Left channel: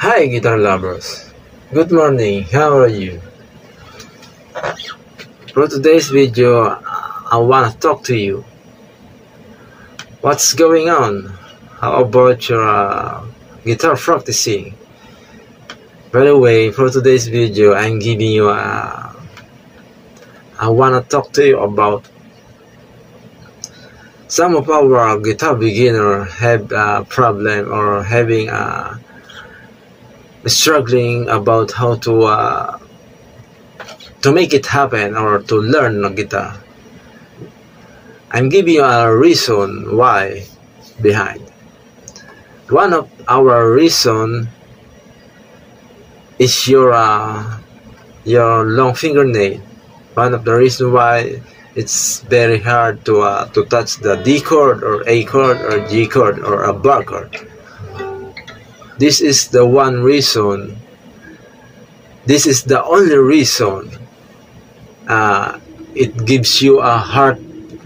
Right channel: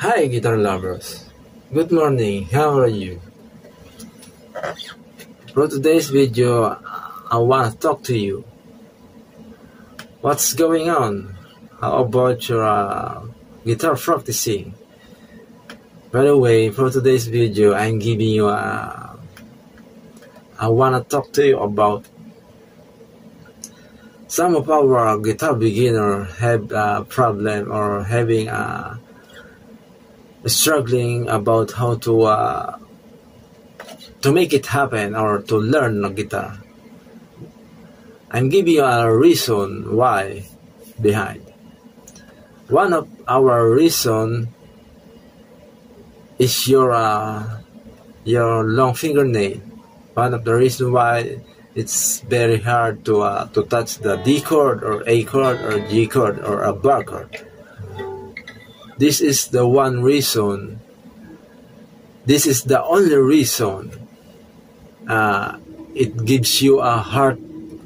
Hi guitar lovers, good morning, how are you? For today's video, I want to talk to you. What's going on? How about your guitar practicing? By the way, for today's video, I'm giving you I want to talk to you about some of our guitar beginners have a problem or having struggling about how to make it happen or to learn the guitar. I'm giving you a reason why behind. One of our reason is your long fingernail. One of the reasons why it's very hard to touch the D chord or A chord or G chord or a bar chord. This is the one reason. This is the only reason it gives you a hard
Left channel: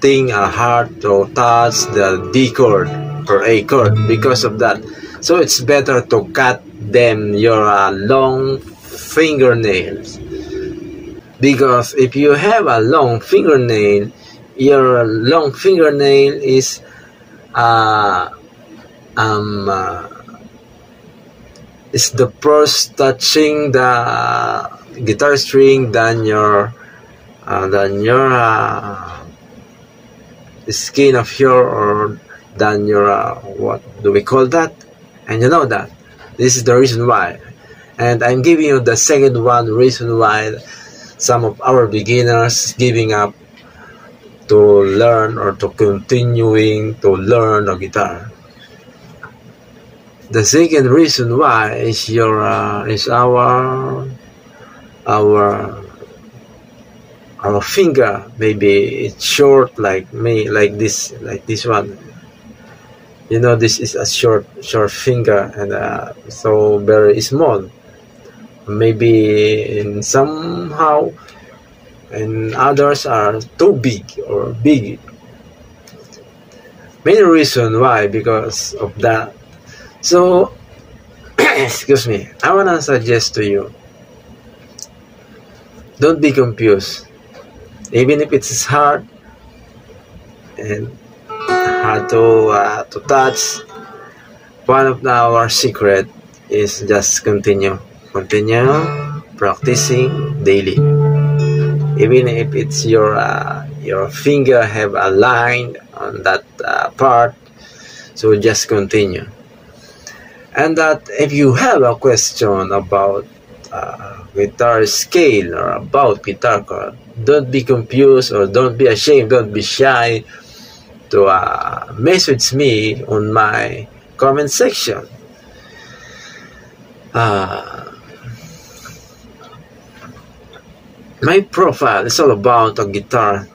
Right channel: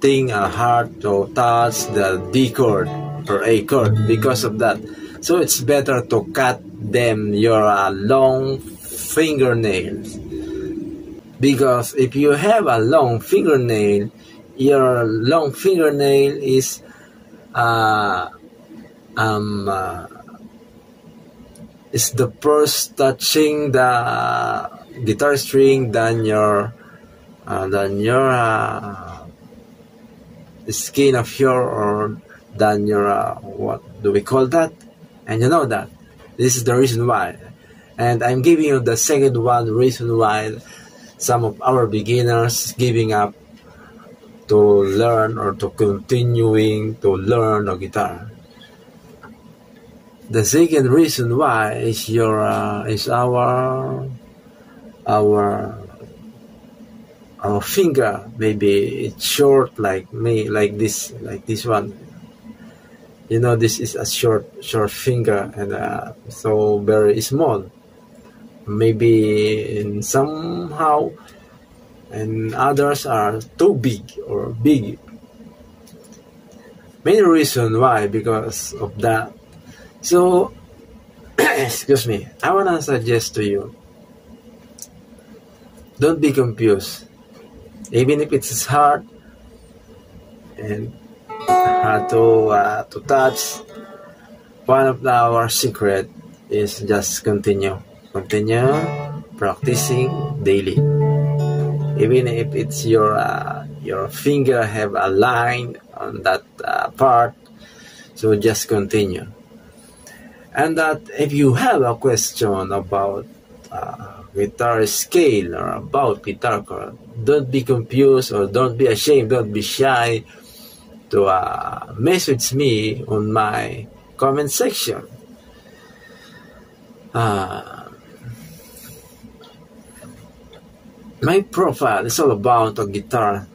to touch the D chord or A chord because of that. So it's better to cut them your long fingernails, because if you have a long fingernail, your long fingernail is the first touching the guitar string than your skin of your, or than your what do we call that? And you know that this is the reason why. And I'm giving you the second one reason why some of our beginners giving up to learn or to continuing to learn the guitar. The second reason why is our finger. Maybe it's short like me, like this one. You know, this is a short finger and so very small. Maybe in somehow, and others are too big or big. Many reasons why, because of that. So, excuse me, I want to suggest to you, don't be confused. Even if it's hard and hard to touch, one of our secret is just continue practicing daily. Even if it's your finger have a line on that part, so just continue. And that if you have a question about guitar scale or about guitar chord, don't be confused or don't be ashamed, don't be shy to message me on my comment section. My profile is all about a guitar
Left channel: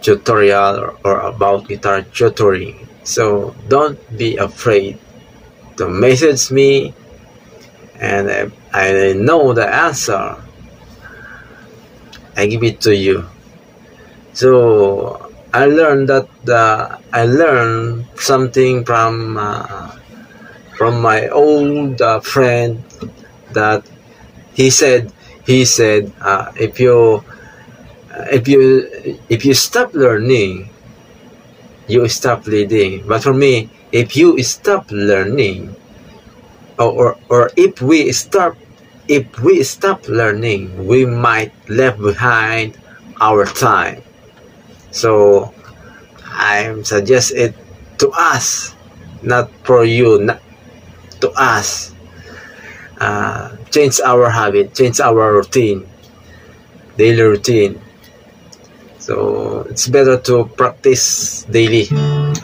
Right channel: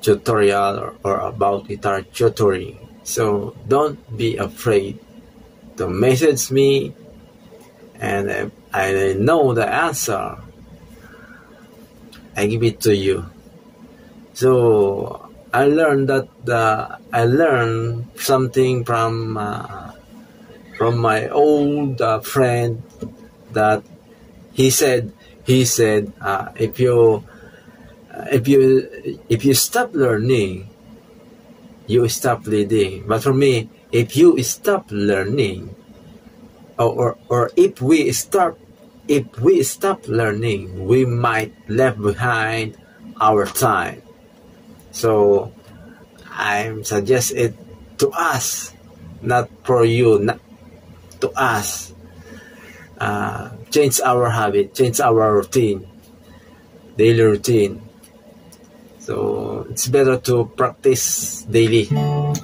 tutorial or about guitar tutoring, so don't be afraid to message me, and I know the answer, I give it to you. So I learned that I learned something from my old friend, that he said if you stop learning, you stop leading. But for me, if you stop learning, or if we stop learning, we might left behind our time. So I suggest it to us, not for you, not to us. Change our habit, change our routine, daily routine. So it's better to practice daily,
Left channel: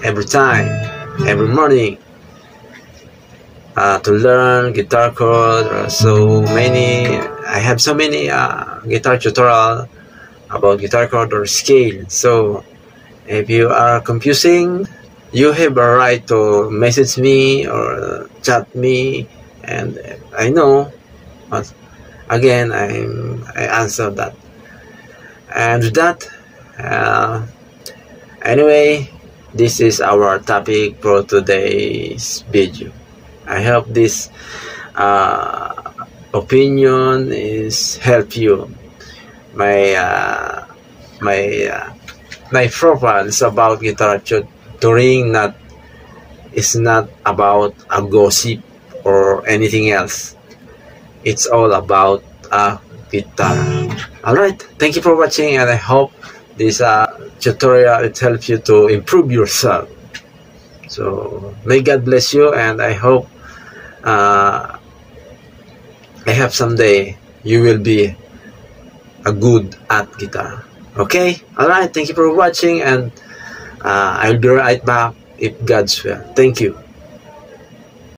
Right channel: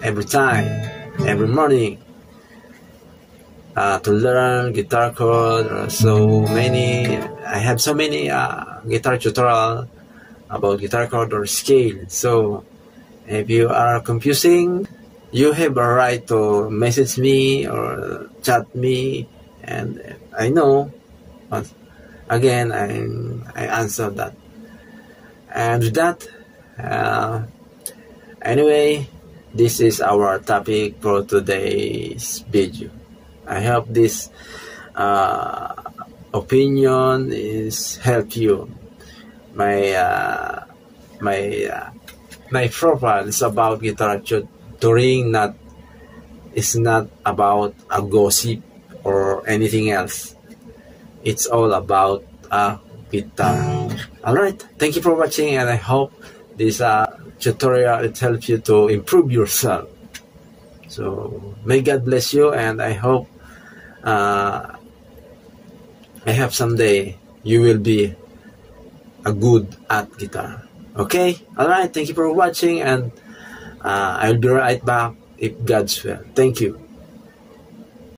every time, every morning, to learn guitar chord. I have so many guitar tutorial about guitar chord or scale. So if you are confusing, you have a right to message me or chat me, and I know, but again, I answer that. And with that, anyway, this is our topic for today's video. I hope this opinion is help you. My profile is about guitar touring, it's not about a gossip or anything else. It's all about a guitar. Alright, thank you for watching, and I hope this tutorial will help you to improve yourself. So may God bless you, and I hope I hope someday you will be a good at guitar. Okay, alright, thank you for watching, and I'll be right back if God's will. Thank you.